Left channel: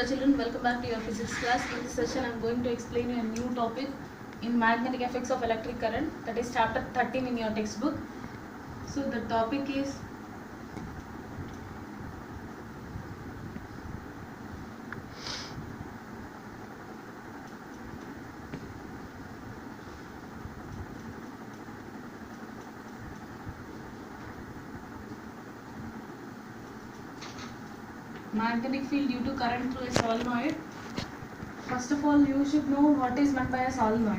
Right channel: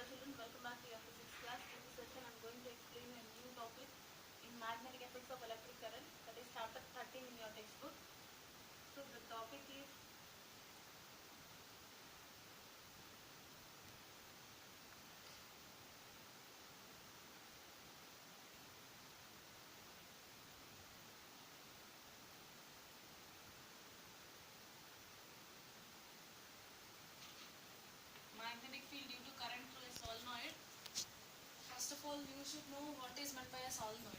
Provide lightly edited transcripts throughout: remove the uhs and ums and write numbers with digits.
Hello children, welcome back to your physics class. In this session I am going to explain you a new topic in magnetic effects of electric current, that is chapter 13 in your textbook. So the topic is magnetic field due to current through a solenoid. First of all, you should know what is meant by a solenoid.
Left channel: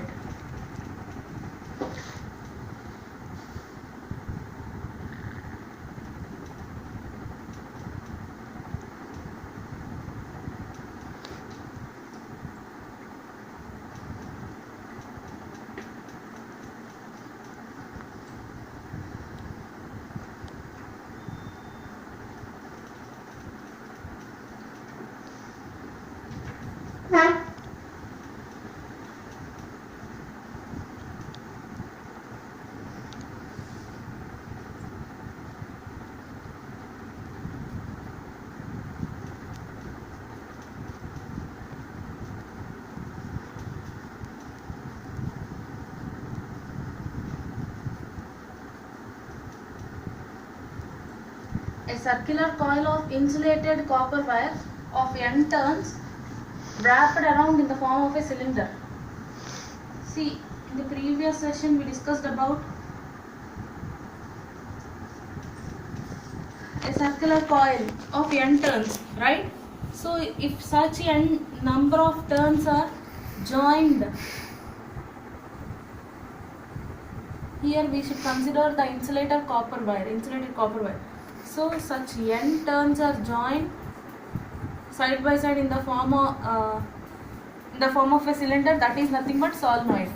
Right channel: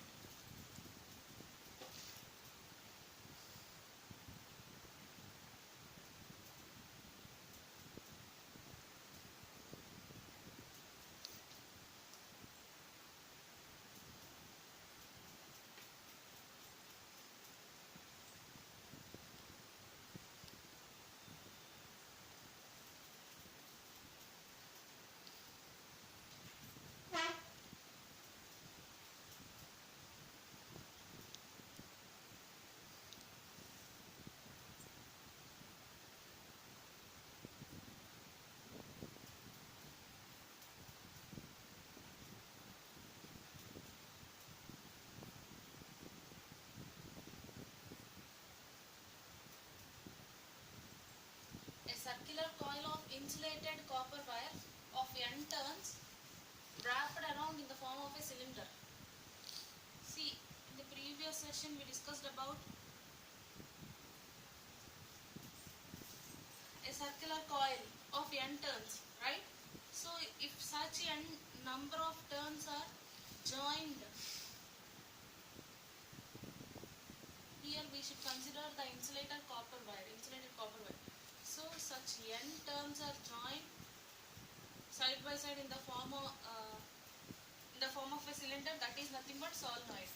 A circular coil of insulated copper wire of n turns wrapped around in the form of a cylinder. See, in the previous session we discussed about a circular coil of n turns, right? So if such n number of turns are joined, here we should consider the insulated copper wire. So such n turns are joined side by side in the form of a cylinder, that is nothing but solenoid.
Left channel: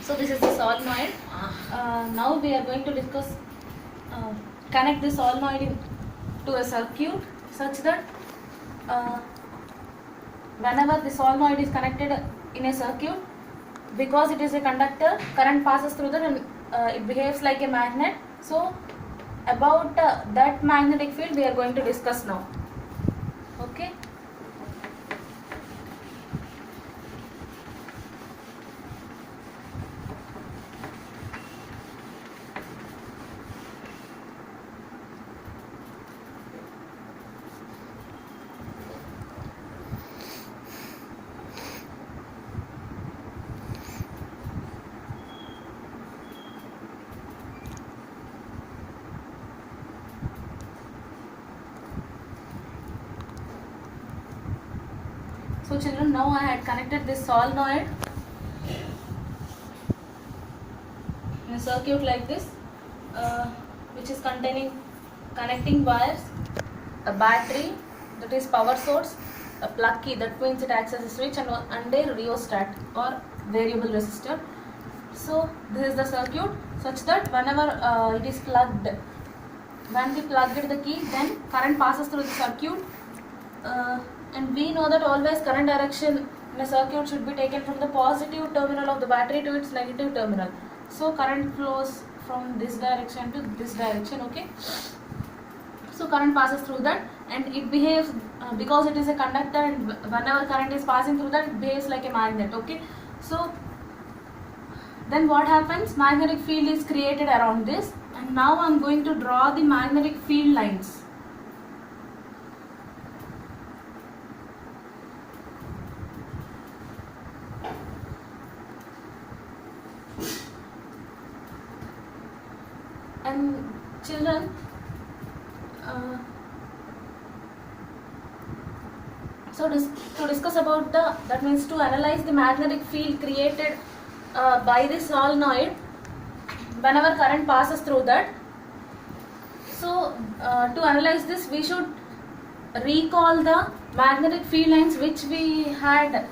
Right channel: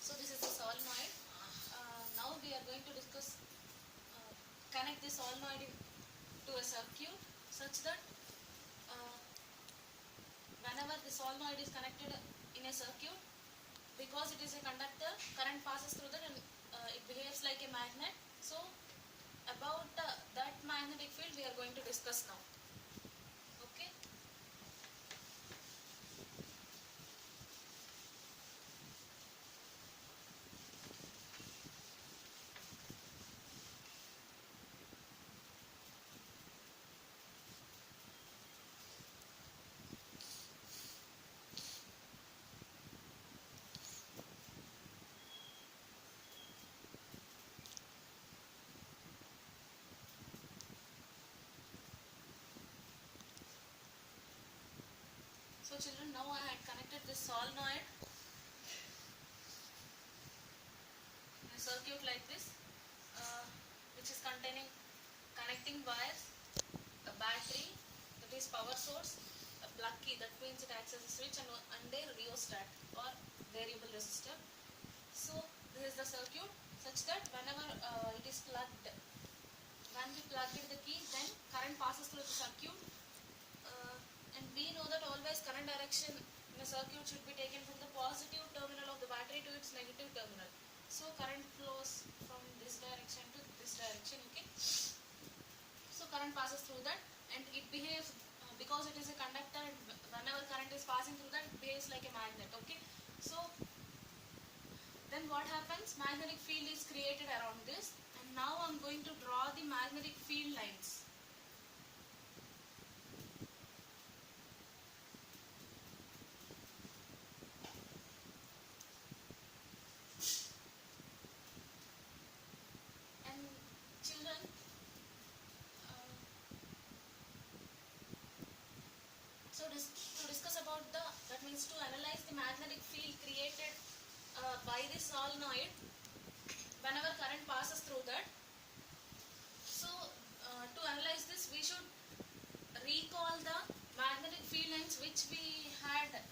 So this is the solenoid. Now we are going to discuss connect the solenoid to a circuit such that whenever the solenoid is connected in a circuit, because it is a conductor, current passes through that and it behaves like a magnet. So about that magnetic field we are going to discuss now. Okay. So children, now I had connected this solenoid in a circuit like this, which is connecting wires, a battery, that is power source, a plug key, that means it acts as a switch, and a rheostat or variable resistor. So this is the circuit such that whenever it is plugged, when we plugged the key, then current passes through the circuit. And we know that always current direction in a circuit should be taken from the positive terminal of the battery to its negative terminal. So current flows from this direction to this direction, okay. So current passes through that and it behaves, because it is a conductor and whenever current is passing through that, it behaves like a magnet, okay. So then what happens? Magnetic field is created around this, and now I am going to draw the magnetic field lines. And children, to discuss about that means to analyze the magnetic field created by the solenoid whenever current passes through that. So to analyze this, we should recall the magnetic field lines which we had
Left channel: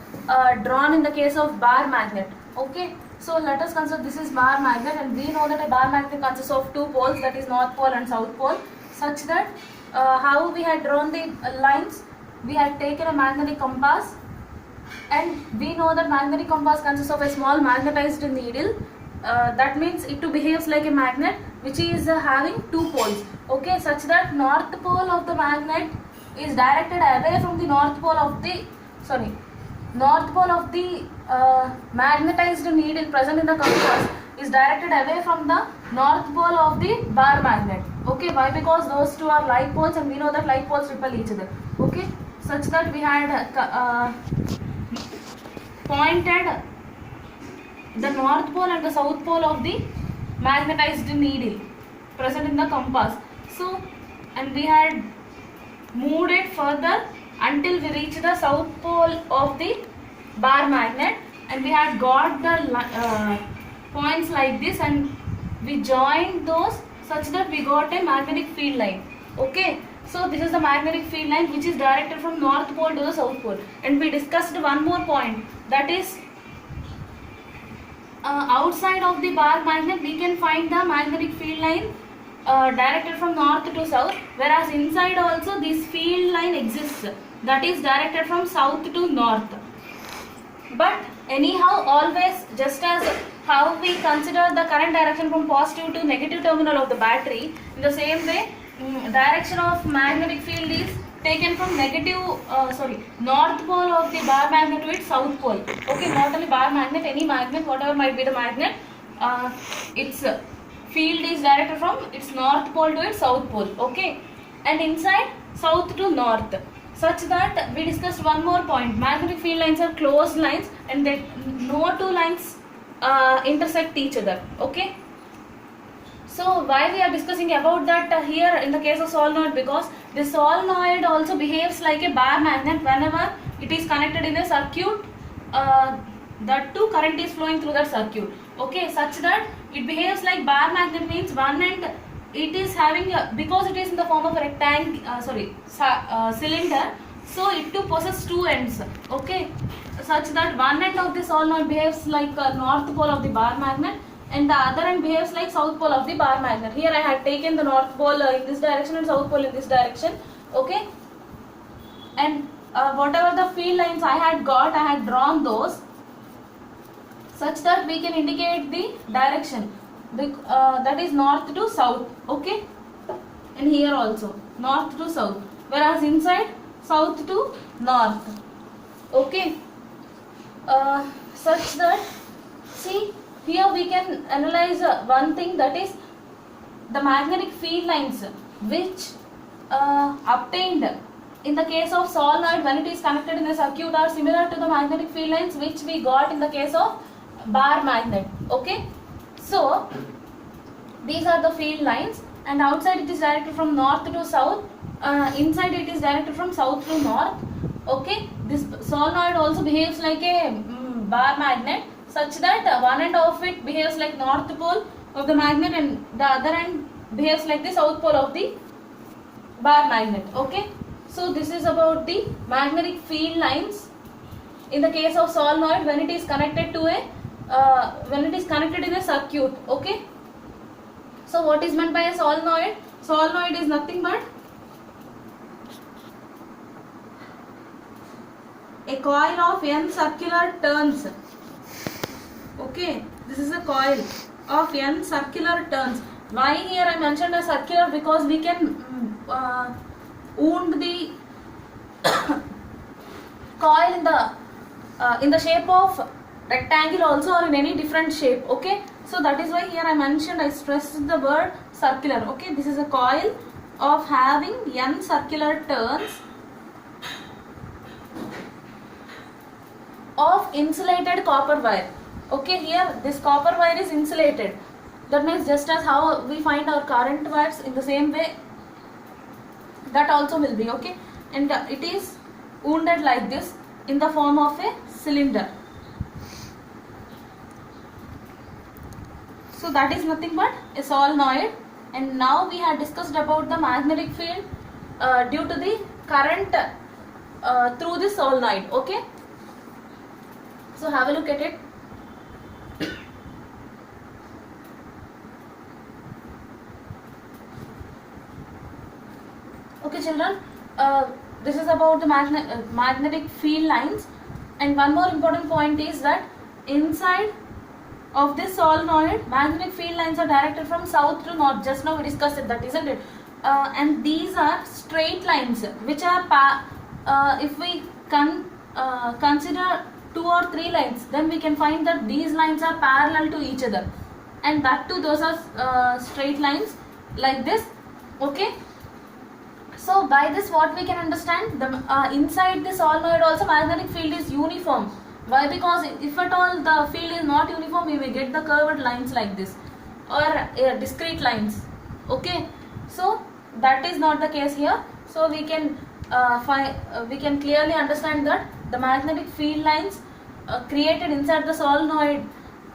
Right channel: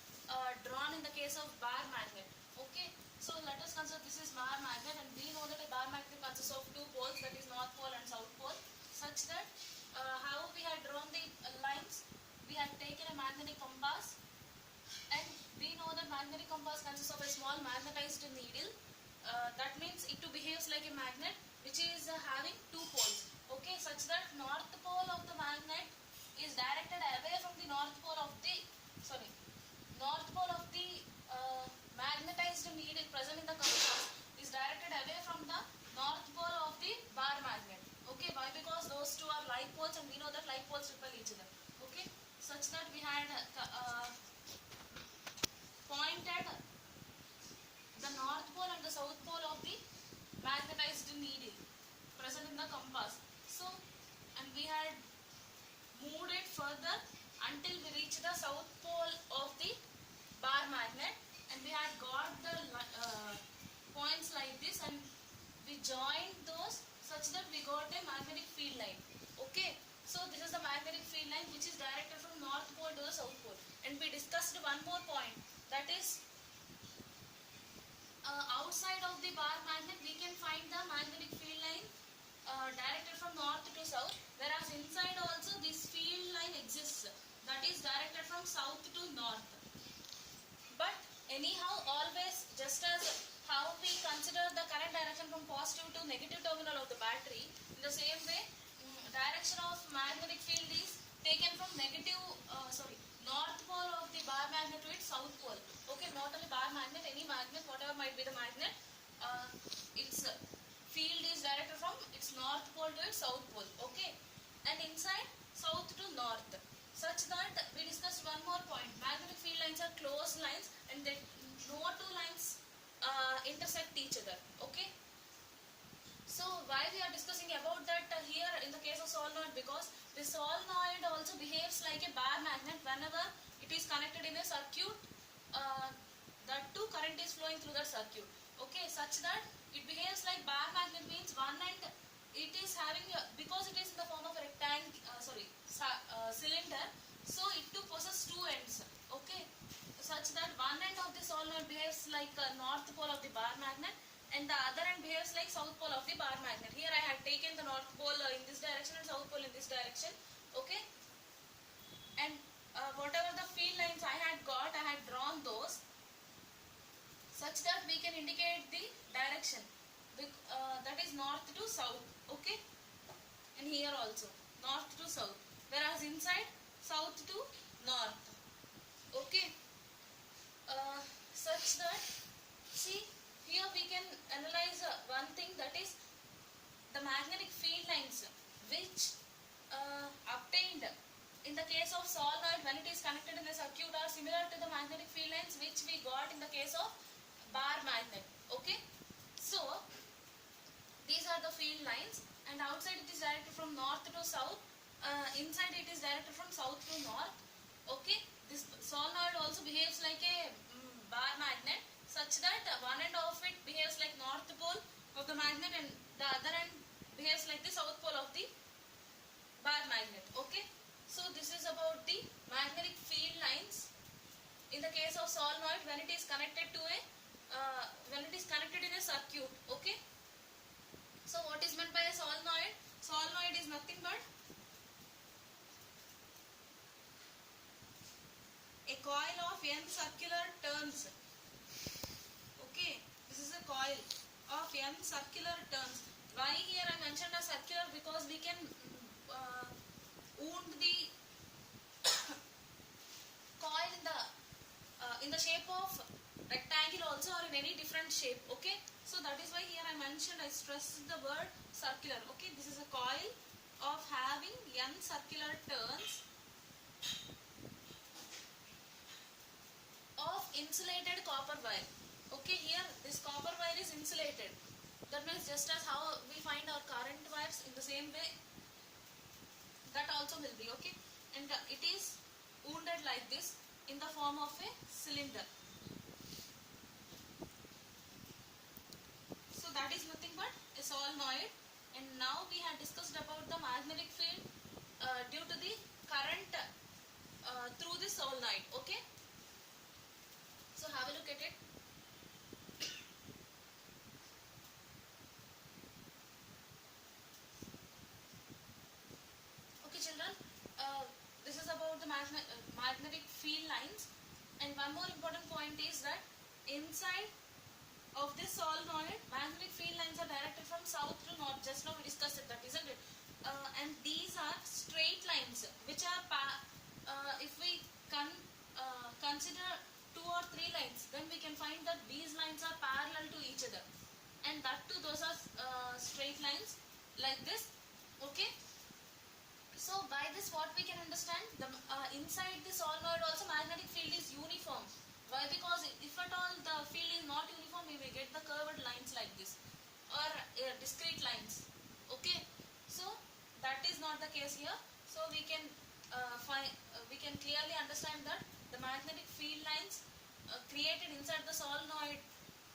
drawn in the case of bar magnet, okay. So let us consider this is bar magnet, and we know that a bar magnet consists of two poles, that is north pole and south pole, such that how we had drawn the lines, we had taken a magnetic compass, and we know that magnetic compass consists of a small magnetized needle. That means it too behaves like a magnet. which is having two poles, okay, such that north pole of the magnet is directed away from the north pole of the magnetized needle present in the compass is directed away from the north pole of the bar magnet. Okay, why? Because those two are like poles, and we know that like poles repel each other. Okay, such that we had pointed the north pole and the south pole of the magnetized needle present in the compass. So, and we had moved it further until we reached the south pole of the bar magnet, and we had got the points like this, and we joined those such that we got a magnetic field line. Okay, so this is the magnetic field line which is directed from north pole to the south pole. And we discussed one more point, that is outside of the bar magnet we can find the magnetic field line directed from north to south, whereas inside also this field line exists, that is directed from south to north. But anyhow, always, just as how we consider the current direction from positive to negative terminal of the battery, in the same way direction of magnetic field is taken from north pole of the bar magnet to its south pole. Okay, not only bar magnet, any magnet, whatever might be the magnet, its field is directed from its north pole to its south pole. Okay, and inside south to north, such that we discussed one more point, magnetic field lines are closed lines and they no two lines intersect each other. Okay, so why we are discussing about that here in the case of solenoid? Because the solenoid also behaves like a bar magnet whenever it is connected in a circuit, that too current is flowing through that circuit. Okay, such that it behaves like bar magnet, means one end it is having because it is in the form of a cylinder, so it too possesses two ends. Okay, such that one end of the solenoid behaves like north pole of the bar magnet, and the other end behaves like south pole of the bar magnet. Here I had taken the north pole in this direction and south pole in this direction. Okay, and whatever the field lines I had got, I had drawn those such that we can indicate the direction, that is north to south. Okay, and here also north to south, whereas inside south to north. Okay, such that, see, here we can analyze one thing, that is the magnetic field lines which obtained in the case of solenoid when it is connected in a circuit are similar to the magnetic field lines which we got in the case of bar magnet. Okay, so these are the field lines, and outside it is directed from north to south, inside it is directed from south to north. Okay, this solenoid also behaves like a bar magnet, such that one end of it behaves like north pole of the magnet and the other end behaves like the south pole of the bar magnet. Okay, so this is about the magnetic field lines in the case of solenoid when it is connected to a when it is connected in a circuit. Okay, so what is meant by a solenoid? Solenoid is nothing but a coil of n circular turns. Okay, this is a coil of n circular turns. Why here I mentioned a circular? Because we can wound the coil in the shape of rectangle also, or in any different shape. Okay, so that is why here I stressed the word circular. Okay, this is a coil of having n circular turns of insulated copper wire. Okay, here this copper wire is insulated. That means just as how we find our current wires, in the same way that also will be. Okay, and it is wounded like this in the form of a cylinder. So that is nothing but a solenoid. And now we have discussed about the magnetic field due to the current through the solenoid. Okay, so have a look at it. Okay children, this is about the magnetic field lines, and one more important point is that inside of this solenoid, magnetic field lines are directed from south to north. Just now we discussed it, that isn't it? And these are straight lines which are if we consider 2 or 3 lines, then we can find that these lines are parallel to each other, and that too those are straight lines like this. Okay, so by this what we can understand, the inside the solenoid also magnetic field is uniform. Why? Because if at all the field is not uniform, we will get the curved lines like this, or discrete lines. Okay, so that is not the case here. So we can we can clearly understand that the magnetic field lines created inside the solenoid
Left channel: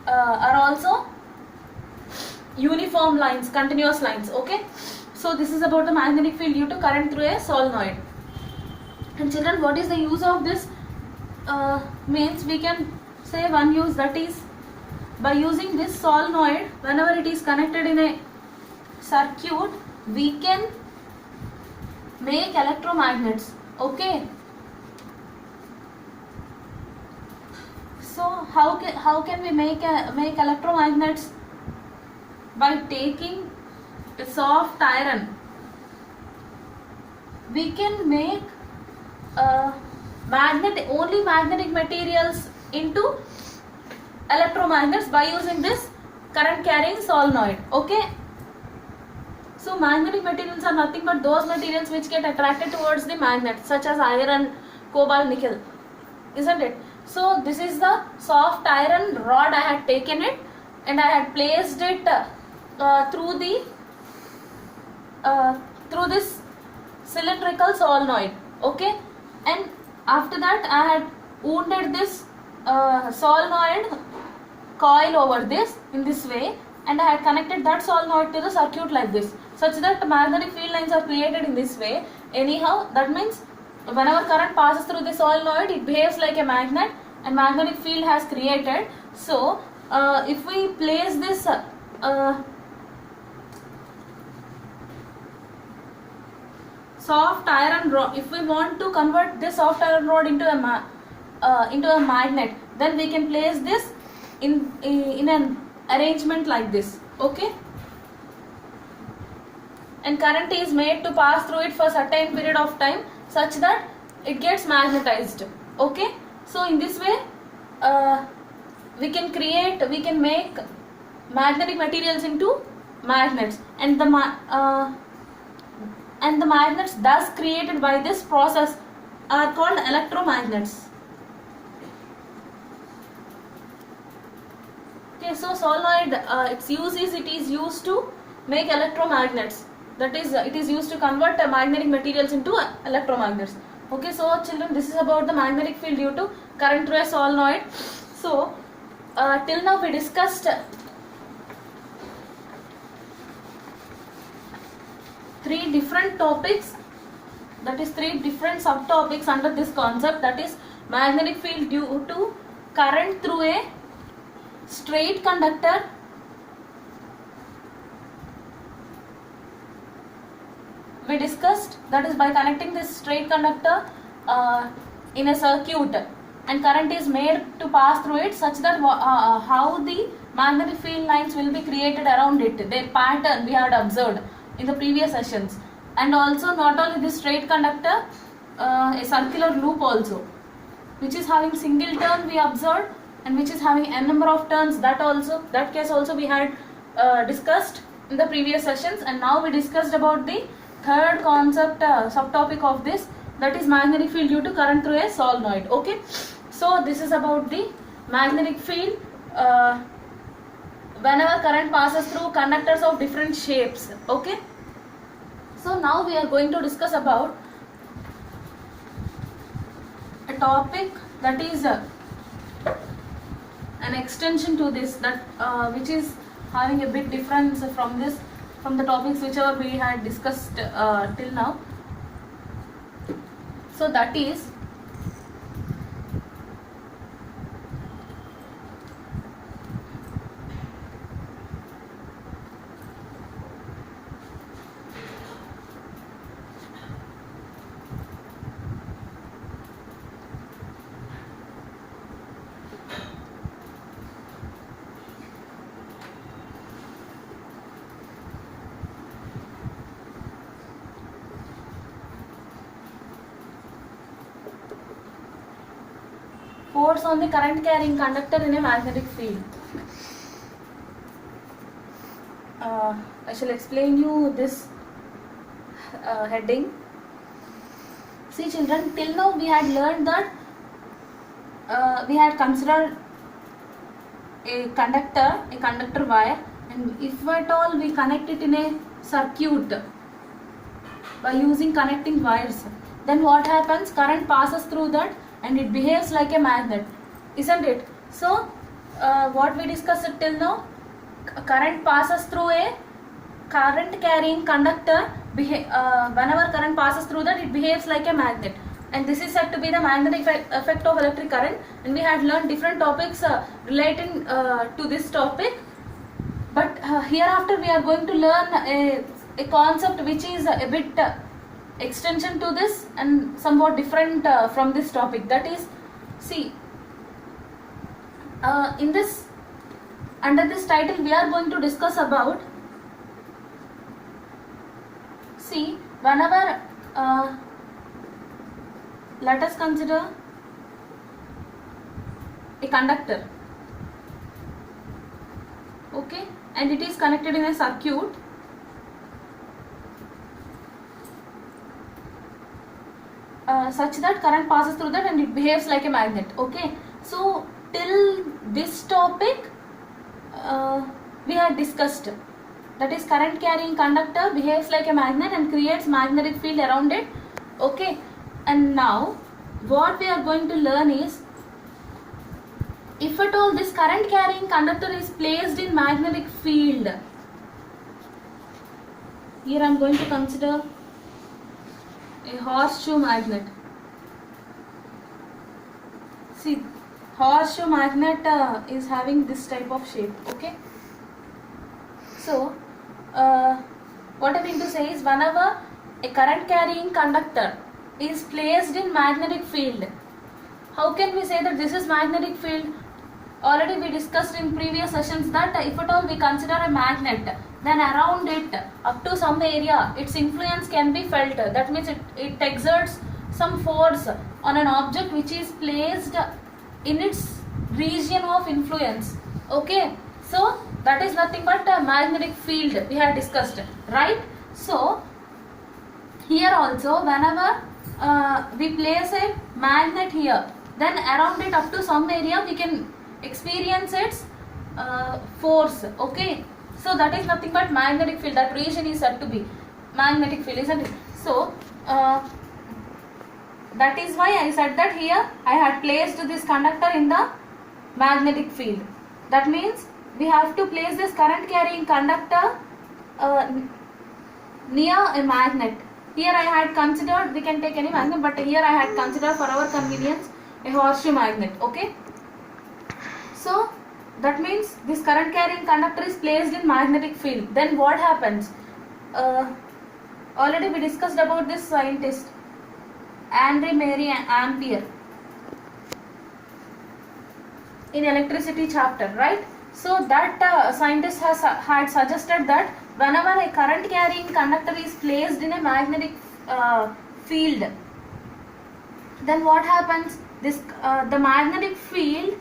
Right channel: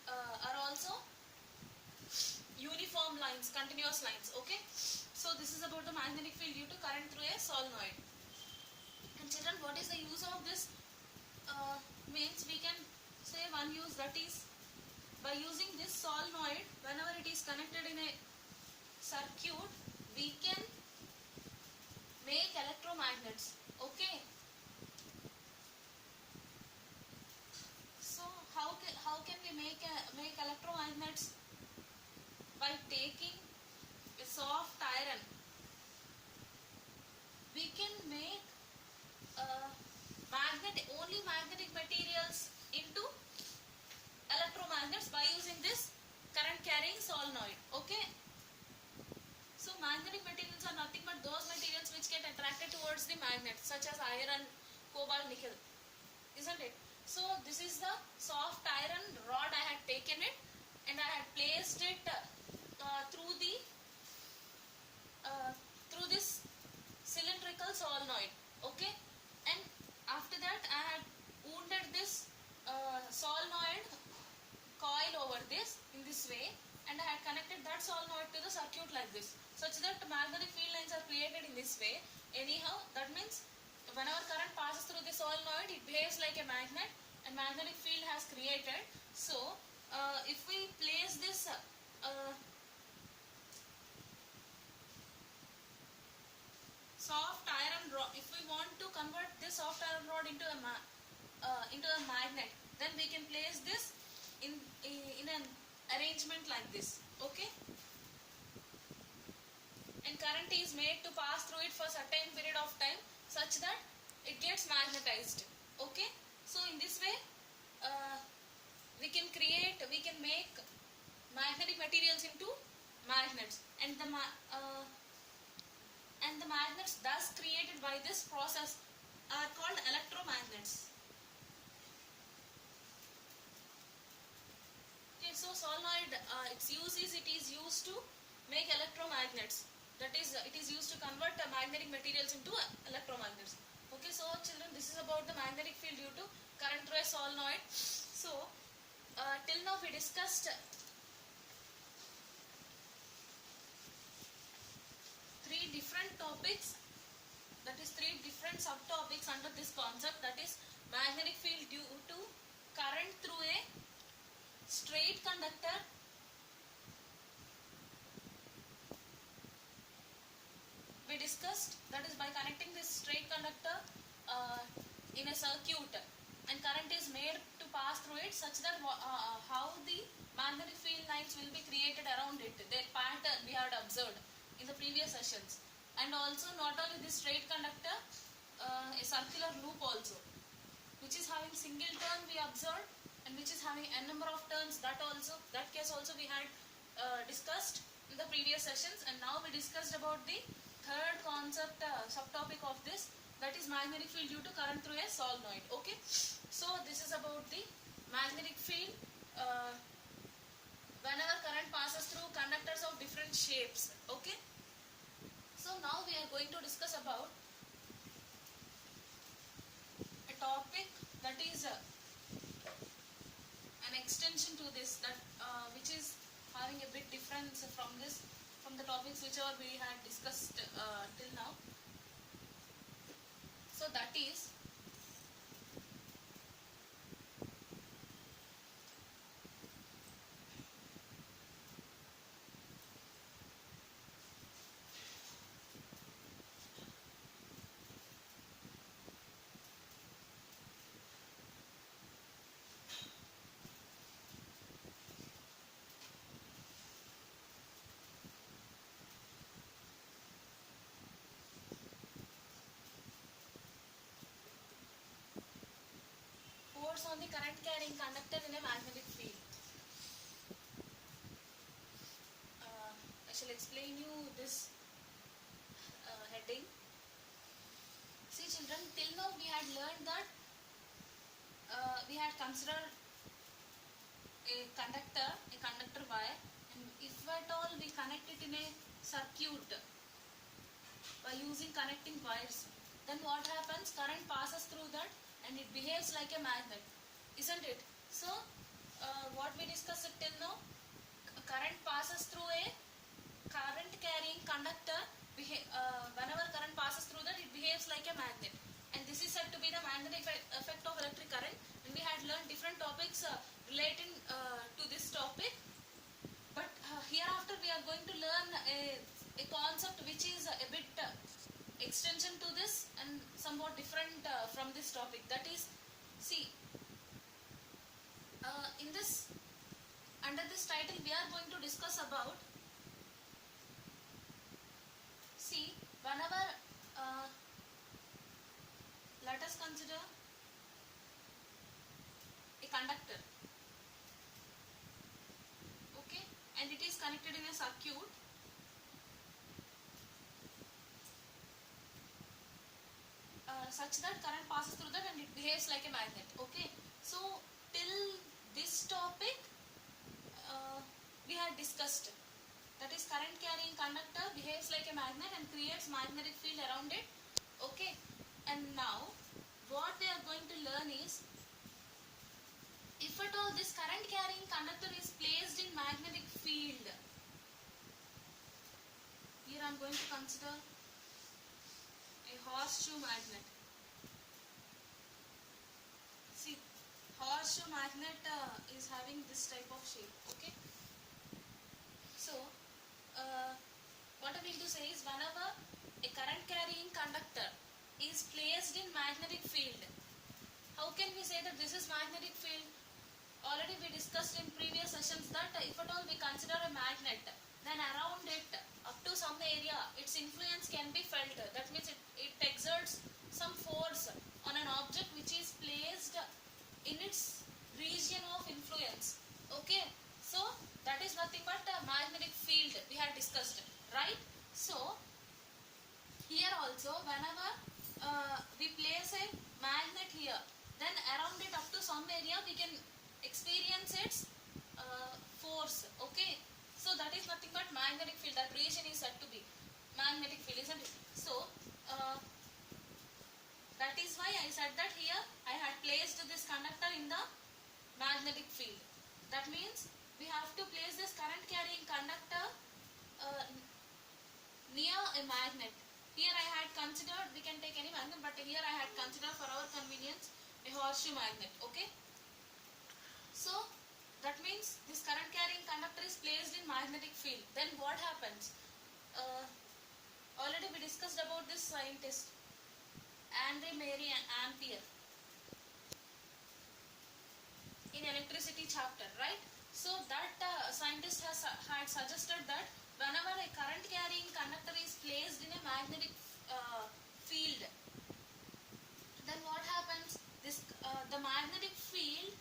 are also uniform lines, continuous lines. Okay, so this is about the magnetic field due to current through a solenoid. And children, what is the use of this? Means we can say one use, that is by using this solenoid, whenever it is connected in a circuit, we can make electromagnets. Okay, so how can we make electromagnets? By taking a soft iron, we can make only magnetic materials into electromagnets by using this current carrying solenoid. Okay, so magnetic materials are nothing but those materials which get attracted towards the magnet, such as iron, cobalt, nickel, isn't it? So this is the soft iron rod. I had taken it and I had placed it through this cylindrical solenoid. Okay, and after that I had wounded this solenoid coil over this in this way, and I had connected that solenoid to the circuit like this, such that the magnetic field lines are created in this way. Anyhow, that means whenever current passes through the solenoid, it behaves like a magnet and magnetic field has created. So if we place this soft iron rod, if we want to convert this soft iron rod into a magnet, then we can place this in an arrangement like this. Okay, and current is made to pass through it for a certain period of time, such that it gets magnetized. Okay, so in this way we can make magnetic materials into magnets, and the magnets thus created by this process are called electromagnets. Okay, so solenoid, its use is it is used to make electromagnets. That is, it is used to convert magnetic materials into electromagnets. Okay, so children, this is about the magnetic field due to current through a solenoid. So till now we discussed 3 different topics, that is 3 different subtopics under this concept, that is magnetic field due to current through a straight conductor, we discussed, that is by connecting this straight conductor in a circuit, and current is made to pass through it, such that how the magnetic field lines will be created around it, their pattern we had observed in the previous sessions. And also not only this straight conductor, a circular loop also, which is having single turn we observed, and which is having n number of turns, that case also we had discussed in the previous sessions. And now we discussed about the third concept, subtopic of this, that is magnetic field due to current through a solenoid. Okay, so this is about the magnetic field whenever current passes through conductors of different shapes. Okay, so now we are going to discuss about a topic that is an extension to this, that which is having a bit difference from the topics whichever we had discussed till now. So that is force on the current carrying conductor in a magnetic field. I shall explain you this heading. See children, till now we had learned that we had considered a conductor wire, and if at all we connect it in a circuit by using connecting wires, then what happens? Current passes through that and it behaves like a magnet, isn't it? So what we discussed till now, current passes through a current carrying conductor. Whenever current passes through that, it behaves like a magnet, and this is said to be the magnetic effect of electric current. And we had learned different topics relating to this topic, but hereafter we are going to learn a concept which is a bit extension to this and somewhat different from this topic. That is, see, in this, under this title we are going to discuss about, see, whenever let us consider a conductor, okay, and it is connected in a circuit. Such that current passes through that and it behaves like a magnet. Okay, so till this topic we had discussed, that is, current carrying conductor behaves like a magnet and creates magnetic field around it. Okay, and now what we are going to learn is, if at all this current carrying conductor is placed in magnetic field, here I am going to consider a horseshoe magnet. See, horseshoe magnet is having this type of shape. Okay, so what I mean to say is, whenever a current carrying conductor is placed in magnetic field, how can we say that this is magnetic field? Already we discussed in previous sessions that if at all we consider a magnet, then around it up to some area its influence can be felt. That means it exerts some force on an object which is placed in its region of influence. Okay, so that is nothing but a magnetic field we had discussed, right? So here also, whenever we place a magnet here, then around it up to some area we can experience its force. Okay, so that is nothing but magnetic field. That region is said to be magnetic field, isn't it? So that is why I said that here I had placed this conductor in the magnetic field. That means we have to place this current carrying conductor near a magnet. Here I had considered, we can take any magnet, but here I had considered for our convenience a horseshoe magnet. Okay, so that means this current carrying conductor is placed in magnetic field. Then what happens? Already we discussed about this scientist Andre Marie Ampere in electricity chapter, right? So that scientist had suggested that whenever a current carrying conductor is placed in a magnetic field, then what happens? This the magnetic field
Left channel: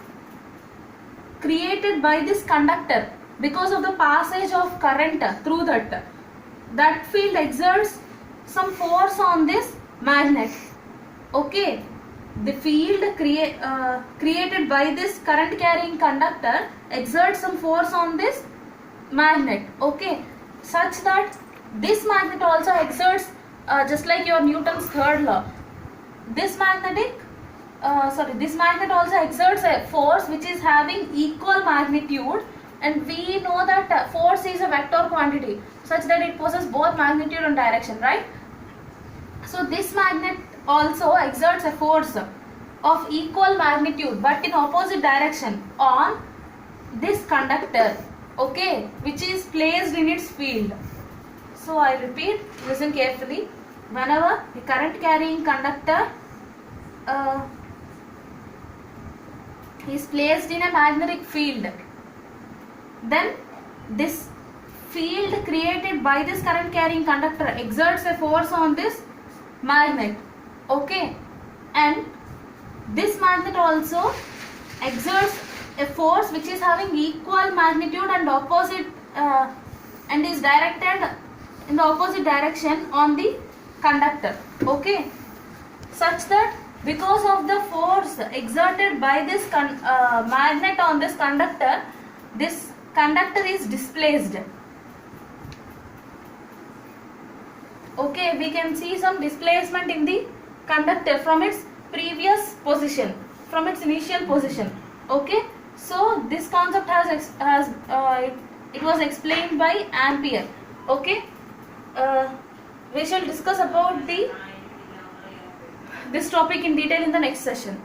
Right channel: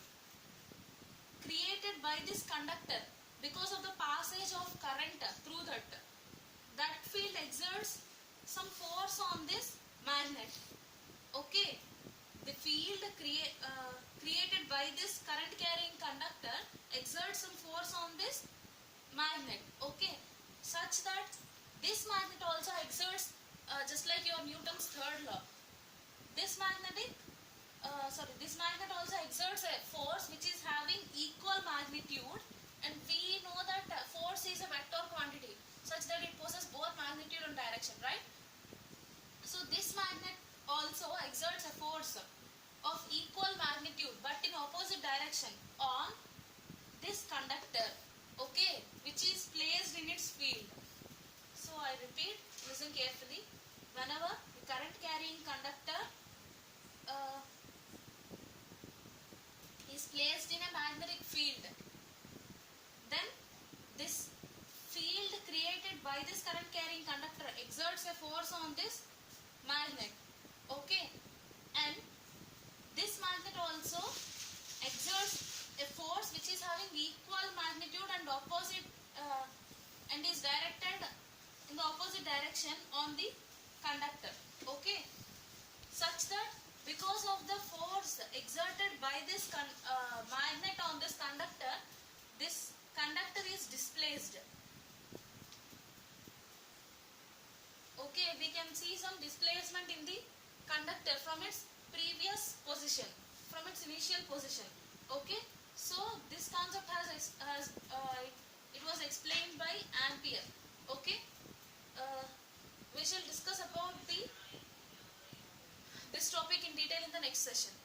created by this conductor, because of the passage of current through that field exerts some force on this magnet. Okay, the field created by this current carrying conductor exerts some force on this magnet. Okay, such that this magnet also exerts, just like your Newton's third law, this magnet also exerts a force which is having equal magnitude, and we know that force is a vector quantity such that it possesses both magnitude and direction, right? So this magnet also exerts a force of equal magnitude but in opposite direction on this conductor, okay, which is placed in its field. So I repeat, listen carefully. Whenever the current carrying conductor is placed in a magnetic field, then this field created by this current carrying conductor exerts a force on this magnet. Okay, and this magnet also exerts a force which is having equal magnitude and opposite and is directed in the opposite direction on the conductor. Okay, such that because of the force exerted by this magnet on this conductor is displaced. Okay, we can see some displacement in the conductor from its previous position, from its initial position. Okay, so this concept it was explained by Ampere. Okay, we shall discuss about this topic in detail in the next session.